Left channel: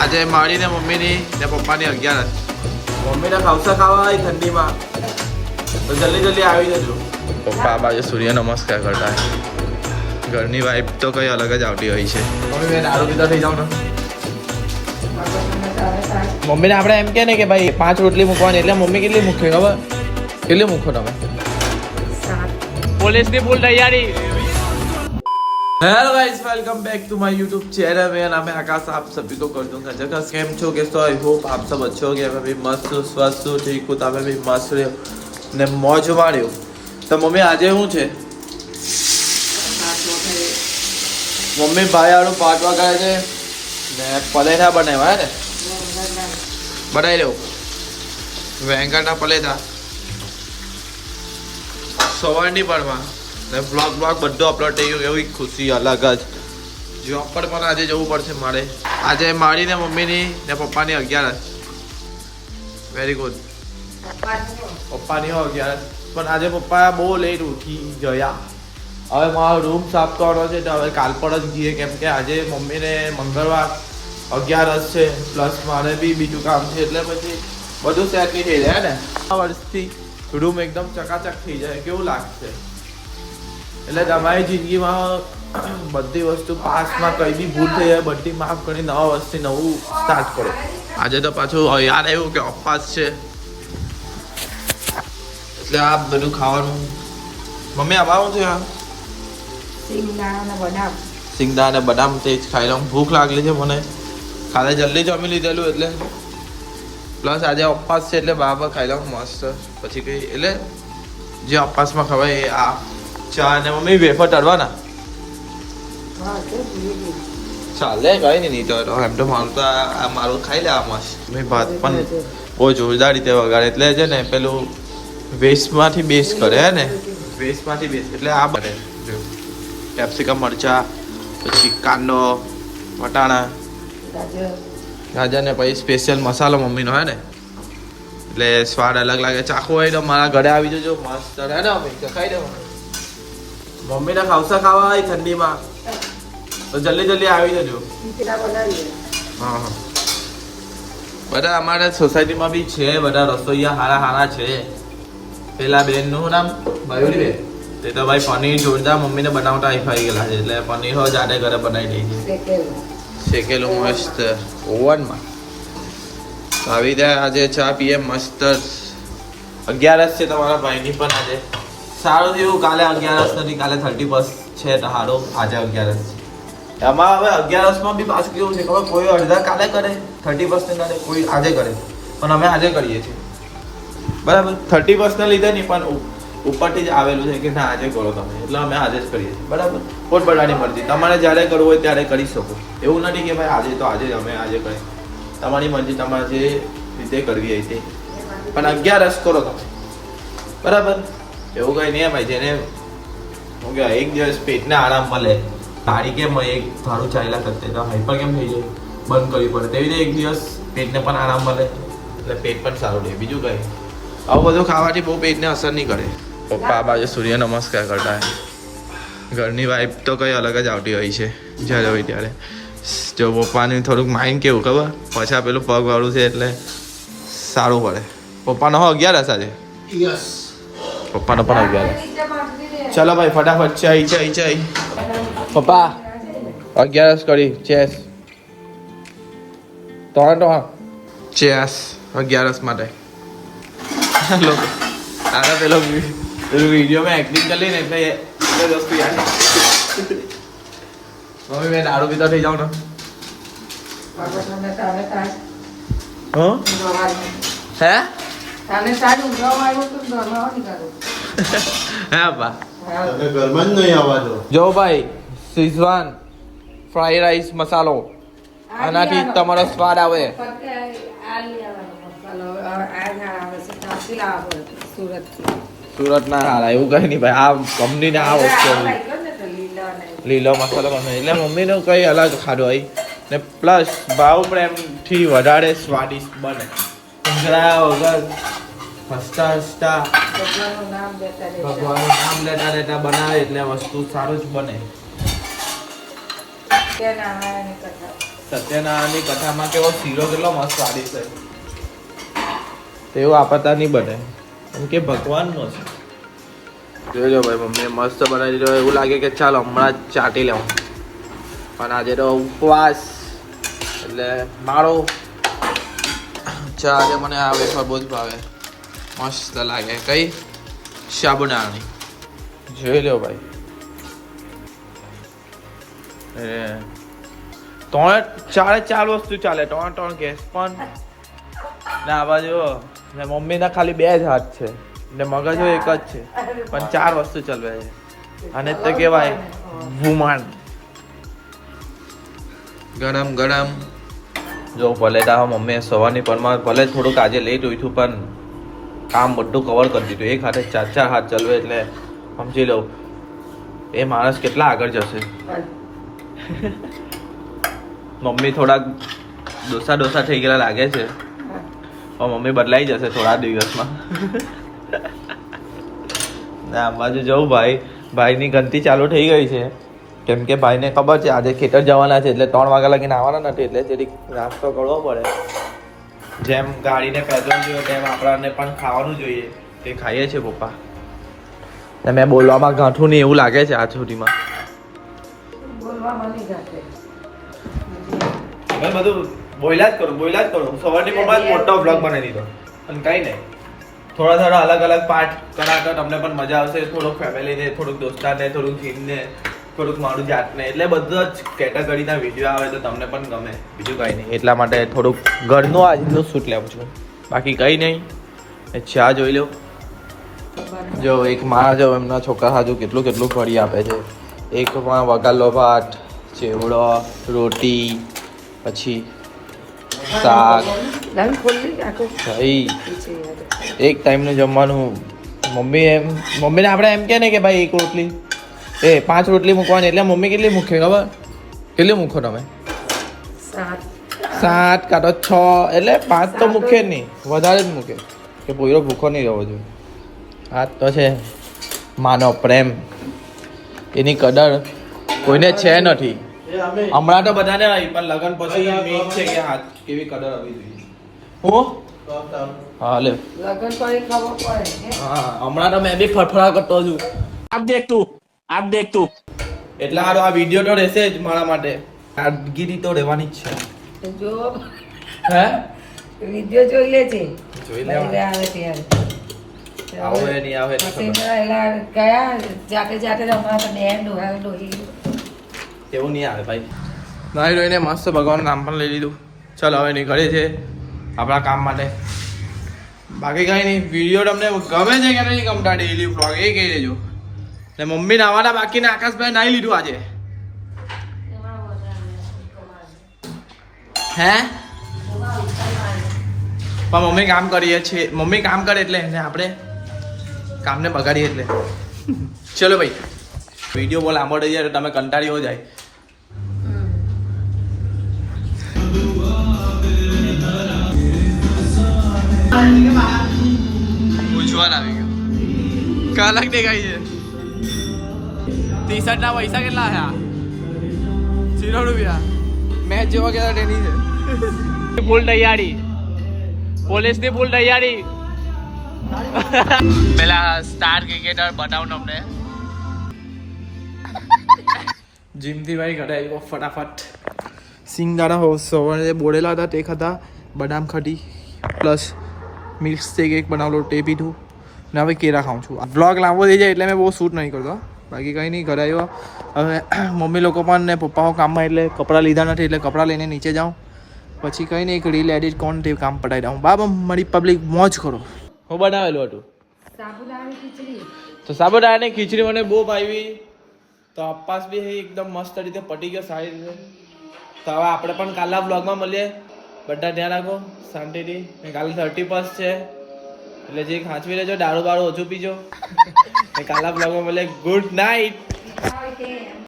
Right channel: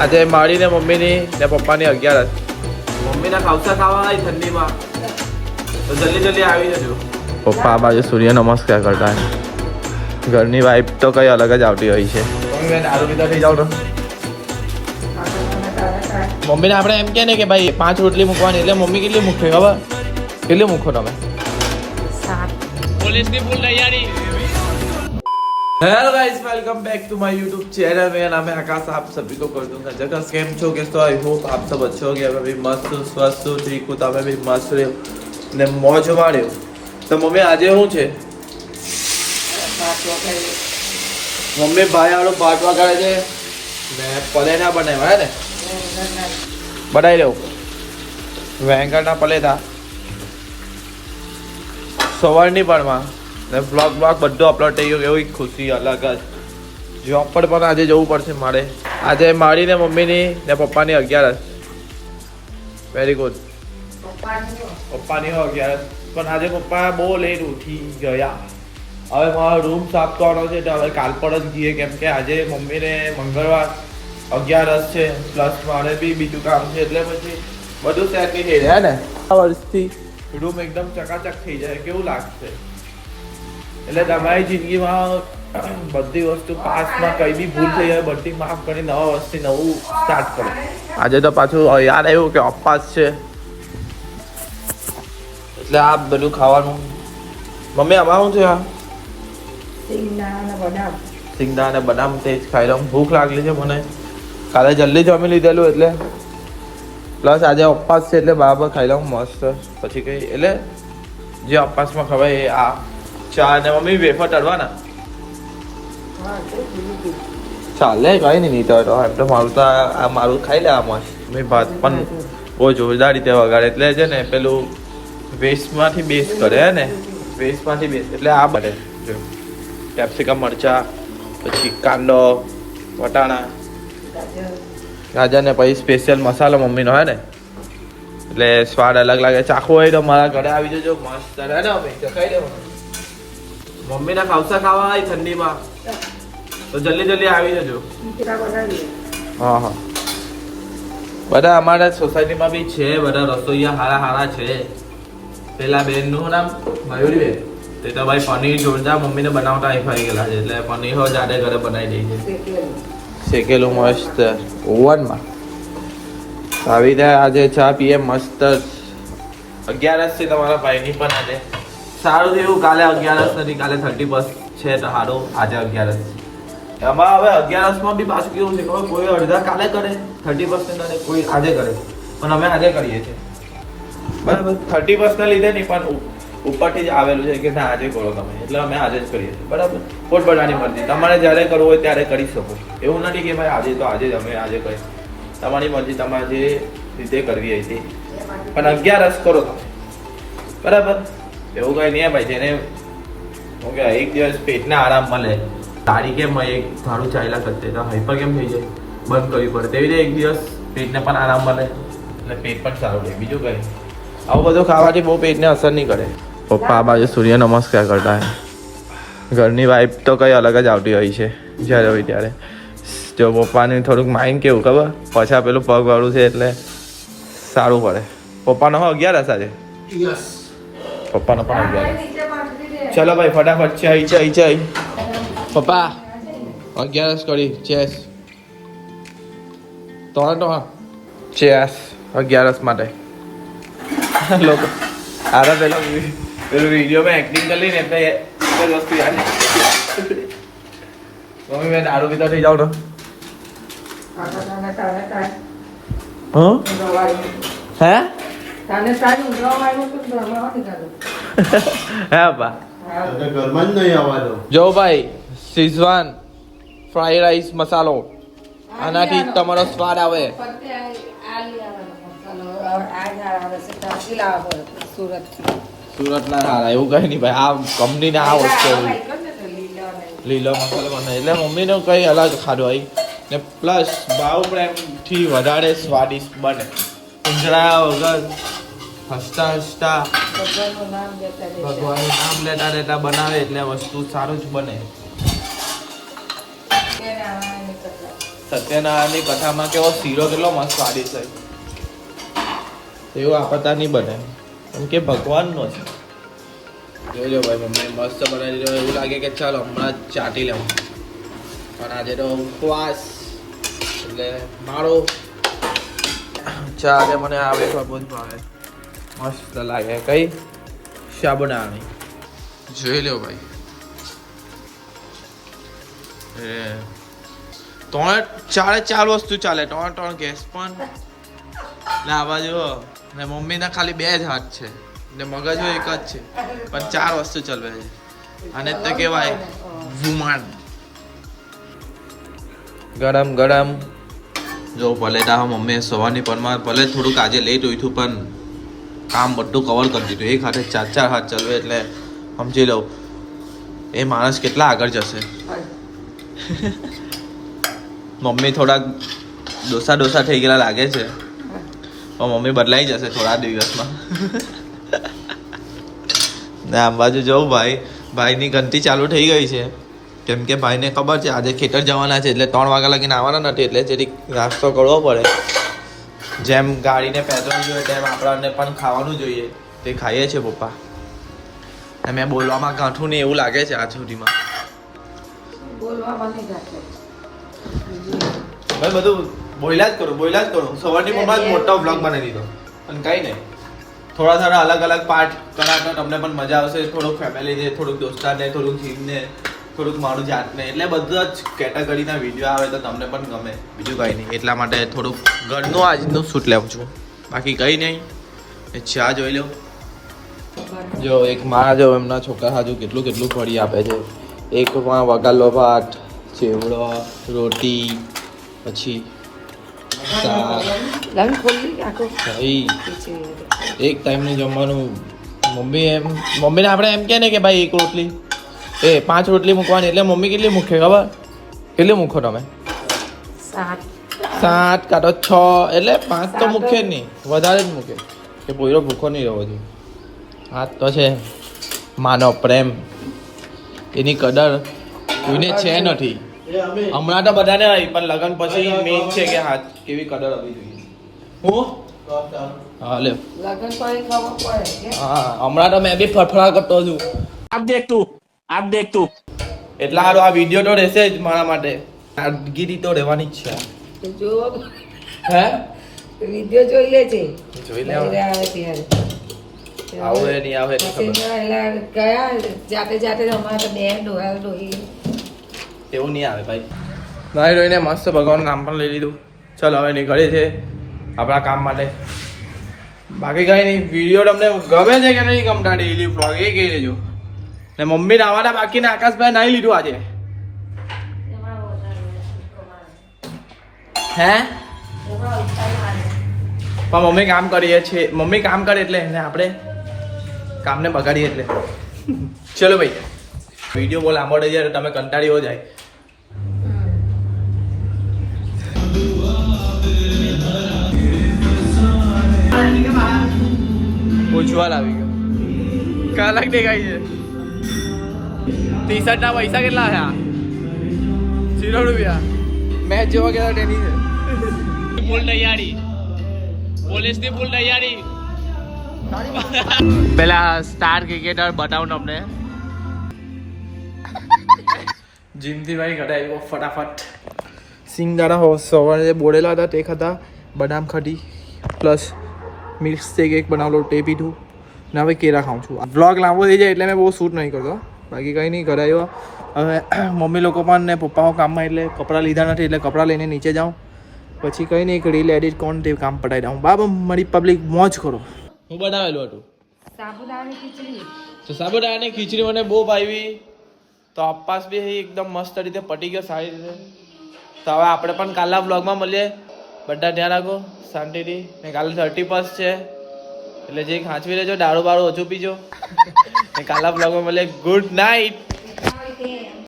આજે મારી ને મમ્મીની ને પપ્પાની 11. મમ્મીને ખાવસા ખાવા આવી ઠંડીમાં તો જલ્દી જલ્દી આવી જજો. પપ્પા આ બાજુ સૂર્ય નમસ્કાર કરતા હોય. ઘરની વાઇફ તો કઈ અલગ જ આવતી હોય છે. મમ્મી મેં દારૂ પીતા થઈ જાવ તો મમ્મીને આપણે એમ કે ને કે ભાઈ 5 રોટલી મૂકવાની એટલે મમ્મી કેટલી મૂકે ખબર? કેટલી મૂકો તમે? પોલીસની ફૂલ તૈયારી. Hello guys, welcome back to my YouTube channel. मेरा नाम है आकाश. आप सभी को कर दूंगा जगह कैम छो के तो आई होप आप सब अच्छे हो गए. अभी मस्त स्वस्थ ठीक हूँ. તમે બી મસ્ત રહ્યો ને મોજ માર્યો. તો મમ્મી આજે શું છે? મમ્મી ભાઈ આડો પાટ વગાડે છે ને પલેટા બનાવ્યા ને બનાવી દઉં. વેંગણના પલેટા સવારની પરમાં ને બ્લોગ બધું અપલોડ થઈ ગયું. એવી ખુશી અલગ જ. જોબ પર પણ આજે જવું પડશે મારે. આજે મારી ને મમ્મીની ને પપ્પાની 11. Very good. પપ્પાની 11 પણ આજે પપ્પા બહુ લેટ ઉઠી ગયા. હવે મારો રૂમ સાફ કરવાનો છે તો હવે કાલ પર જ ગઈએ કેમ કે આજે મમ્મીને મંગળવાર 11 છે પ્લસ મારે બી બીજું કામ છે એટલે પછી બધું સેટ થઈ જાય ને. આ વર્ષથી રૂમ એકદમ ચકાચક થઈ જાય કેવું લાગશે? એટલે તમારી જિંદગીમાં બધી વસ્તુ પાસ્ટમાં કઈ બી ભૂલ થઈ જાય બધી માફ કરી નવા વર્ષથી નવું સ્ટાર્ટ કરો. આજે તો પાછું યાદ આવ્યું કે ઉપવાસ છે એટલે આ બધું ખાવાનું. મમ્મી આમાં શું છે? આ સિંગદાણા અને બદામ તે જ ખાઈ લઉં. ભૂખ લાગલી છે મને. કાલે જલ્દી જમી લીધેલું એટલે પ્લસ આજે ઉપવાસ છે એટલે બરાબર ખાઈ લઉં મસ્ત. પછી કઈ એટલે જે ઉપવાસમાં ખવાય એ આ ચા ને મમ્મી વેફર તળવાના ચાલે કઈ નહીં તો મારું તો આ મારું ખાઈ લે. આ મસ્ત મેં ભાત પણ બહુ જોરદાર રીતે વગાડે એટલે છે ને પેલું વેસ્ટમાંથી બેસ્ટ કરે હે ને. વેસ્ટમાંથી બેસ્ટ એટલે આ બને જો કેપ્સિકમ મરચા પછી કાંદો વટાણા ગાજર ને પછી સ્પેશિયલ મસાલો મમ્મીનો હે ને એટલે સ્વાદ અલગ લાગે. ચાખવું હોય તો મારા ઘરે આવી જજો મસ્ત હે ને મમ્મી ખાઈ લેવાનું. મમ્મીને ખાવસા ખાવા આવી ઠંડીમાં તો જલ્દી જલ્દી આવી જજો. હા હા બધા અમારા સોસાયટીમાં બી છે બધા રસોઈયા હારા છે. પેલા બેનનું નામ મયુરી બેન તે તો ભાઈ પનીર જોરદાર મમ્મીને બનાવતા આવી ગયેલા છે એટલે પનીર હો જાડે ઘરે બનાવી દે છે શેકેલું મસ્ત ઓવનમાં. આવી રીતે આજે ચા પીએ મસ્ત. 11 છે તમારા ભાઈની પણ આજે સારું થયું. કાલે 11 નથી કાલે 31 છે તો સારું. આજે 11 એમાં હવે 11માં બી પાછું કેવું છે ખબર? કોઈ અડધા કાલે કરે 31 ને કોઈ આજે કરે પણ અમે આજે કરીએ છીએ બરાબર. 31 ને લીધે નહીં પણ ઉપરથી જ આવેલું છે કે ના આજે કરો તમે એટલે અમે આજે જ કરીએ છીએ બરાબર. પોતપોતાની મરજી. તમારે જ્યારે કરવું હોય ત્યારે કરી શકો. એવું નથી કે ભાઈ આજે તો આજે જ અમે આજે કરીએ. તમારી મરજી તમારે જે રીતે કરવી હોય તે પણ 11 કરો તમે બરાબર. એવું કઈ નહીં ભાઈ જેને હું કે એક દિવસ પેટને આરામ મળે તારી કેમ એક ધારું ચાલ્યા કરતે તો હાઈપર કેમ થઈ જાય બંધ કરવી પડે તેવી રીતે એક દિવસ પેટને પણ આરામ મળે એટલે પેટ પણ સારું રહે. બીજું કઈ આવું બધું ખાવાથી બહુ પેટને અસર નહીં કરે. પપ્પા આ બાજુ સૂર્ય નમસ્કાર કરતા હોય. ઘરની વાઇફ તો કઈ અલગ જ આવતી હોય છે જ્યારે હોય ત્યારે. જો પપ્પાને થોડુંક માઇન્ડ કેવું ખબર પાછા પેલું પગ વાળું છે એટલે સારું પડે. પપ્પાનો 11 આજે પપ્પાનો પણ 11. ચલો ભાઈ ફટાફટ ચાઈ પપ્પા 11 કરી ચેસ તો ચેસ 11 માટે લોકો આરે પેલું વિડીયોમાં એક્ટિંગ કરી ને એટલે વસ્તુ યાદ. મમ્મી મેં દારૂ પીતા થઈ જાઉં તો હે હા બા ઘરમાં જ નહીં આવવા જો ભાઈ શીઝવાન ફ્રાઈડ રાઈસ મસાલો આનાથી તમારો સ્વાદ આવે. સુરત ના હારા એવું કઈ નહીં ભાઈ. આ કંપની ને આ વસ્તુ લીલો મસાલો બને એટલે મમ્મીનો કઈ અલગ ખાધો હોય ને પ્લસ ભાવ પ્રેમથી વધારે સ્વાદિષ્ટ બને. ઊંઝડા વગર હસતા હસતા ભગવાનનું નામ લેતા લેતા બનાવે એટલે વસ્તુ સારું જ બને. સત્યનારાયણની કથામાં કેવો શીરો કેટલો મસ્ત સ્વાદિષ્ટ છે તેવું આપતા નહીં બને કેમ કે ભગવાનનો છે. જોઈ લો ભાઈ મમ્મી મસ્ત બનાવી દીધો. એવું લાગે કે ચાલો હમણાં જ ચાટી લઉં પણ આજે તો ઉપવાસ એટલે મારો ચા આજે મને આવે તો બહુ જ ભાવે. મસ્ત લાગે. કઈ સાબુદાણાની જોઈ લો ભાઈ. ચાર વસ્તુ ચાલે. ત્રણ ગેસ પણ ને આ બાજુ ને મમ્મીના ખાલી 2 જ હાથ છે ને મગજો એક જ છે પણ 4 વસ્તુ ચલવે છે. અને તો કહેવાય વુમન. ગરમ ગરમ જો ભલે તા મમ્મીએ સવારની પરમાં ભલે થોડુંક આજે લેટ ઉઠ્યું પણ કામ બધું કવર કરી દીધું. એક હાથે 4 હાથ ચલવે એટલે સમજી લઉં એ માણસ કેટલા આગળ જશે. મમ્મી થોડાક ડોસા થઈ ગયેલા લાગે છે પણ મમ્મી બદલાઈ જશે થોડા દિવસમાં. ને આ બાજુ જવું ભાઈની ગણતી ચાલુ થઈ ગઈ છે કેમ કે ભાઈને ખબર છે આજે ખેતર જવાના છે એટલે 3 વાગ્યા લગીને આવવાના નથી એટલે જરીક નાસ્તો કરવો પડે. જેમ ગાડીને પેટ્રોલ જોઈએ તેમ આપણને પણ ખાવાનું જોઈએ તે ખાઈએ છીએ પપ્પા. ને મેં બોલવામાં ગાંઠું નહીં એવું લાગે છે આજ સુધીમાં. મેં બધું બોલ્યા જ કરું. સવારની પપ્પા મોટો બ્લોગ બનાવી દીધો પણ કંઈ નહીં થોડા અલગ પાર્ટ કરાતા તમને પણ મજા આવશે. થોડુંક ફેમિલીને, થોડુંક દોસ્તારને, થોડુંક જીમને, થોડુંક મારું જાતને એટલે બધા જ કેટેગરીના વિડીયો આવે તો તમને પણ ગમે. બીજું કંઈ નહીં એટલા માટે થોડુંક ઘરનું આજનું શૂટ લેવું છું બાકી કંઈ નહીં. ચા જોઈ લો. જો એક માં જો એમના છોકરા હાજુ કેટલું ફળી આપે છે. એકમાં વઘારેલો ભાત, ચેવડો, રોટી, પછી શાક, એક ટાઈમનું જમવાનું. મમ્મીને આપણે એમ કહે ને કે ભાઈ 1 રોટલી 5 રોટલી મૂકવાની એટલે મમ્મી કેટલી મૂકે ખબર? કેટલી મૂકો તમે? 7 કાં તો 6 એટલે 5 તો મૂકે જ નહીં, વધારે જ મૂકે કે પોયરો ભૂખો નહીં રહેવો જોઈએ. હા તો છે માનો પ્રેમ, એની કદર કોઈને છે નથી. હમણાં તો બધાને આવી પણ લગન પછી મેઇન છે કે હા કેવી કદર આવી જોઈએ. હું હા લે હા હમણાં તો મેં બી ફરફરા કરતો છું. આપ દેખ તું એટલા સારો આ વિડીયો તો રહેશે જ મારા માટે. સાદગીરી તો રહેવાની જ છે. જો હે વિડિયો જોઈ લે છે. જોઈ લેવા આવે ત્યારે આવે નહીં આવે તો ખબર. ગયા જાતે રમવા તો 2 ડોહી એવું નહીં આવે ભાઈ. નાઈ રોઈને મસ્ત ભગવાનનું નામ પણ લઈ લીધું. ચાલો હવે નીકળે છે આપણા કામ માટે. બાકી કંઈ નહીં. વિડીયો તમને ગમે છે કે નહીં ગમતા ડેઈલી વ્લોગ એ કહી દેજો. ને મમ્મી નાવાના બાકી ને આકાશભાઈ નાઈ લીધું આજે. હે પણ મમ્મી કામ કરીએ છીએ. મમ્મી કામ કરે એટલે ને આપણે કામને બગાડીએ એટલે. ચલો ભાઈ વિડીયો બહુ લાંબો થઈ જાય તો તમે કંટાળી હો જાય. ઉજ્જવલ આવી ગયો. કલાક દેખાય છે. ટી-શર્ટ ના પૈસા કેટલા થયા? 0 રૂપિયા. મેચ જોવા કેટલા ટેની છે? ફૂલ તૈયારી. પોલીસની ફૂલ તૈયારી. પેલા સ્ટાર ક્રિકેટર બતાવું તમને. જીમથી ભાઈ ઘરે આવ્યો ફટાફટ. સિંગદાણા સવારે બોળેલા હતા તે ખાધા, બદામ ખાધી પ્લસ મિલ્ક શેક એક બનાવેલો તે પીધું ને હવે કેળા ખાઉં છું. વ્લોગ લાંબો થઈ જાય એટલે મેં બહુ શૂટ નહીં કરતો. બાકી કંઈ નહીં ઘરે આવ્યો. હવે મમ્મી લોકો પણ ને પપ્પાઓ કામમાં એટલે કપડાં લીધા નથી એટલે કપડાં લઈને નીચે જાઉં. પછી કંઈ નહીં એક રીલ એડિટ કોણ તે કામ પટાવી દઉં. બાબા મારી પબ્લિક મોજ કરો. હું બનાવેલું હતું તો સાબુદાણાની ખીચડી મને બહુ ભાવી. તો અપાસ બી એકદમ મસ્ત રીતે પટી ગયો સારી રીતે. તો હવે આપણે પણ કાલના બ્લોગમાં મળીએ. બધા ધ્યાન રાખો શાંતિથી. ને કાલે 31 છે એટલે જે ખાંચવી લેજો, દારૂ બારૂ ઓછું પીજો. ને કાલના બ્લોગમાં મળીએ. Good night.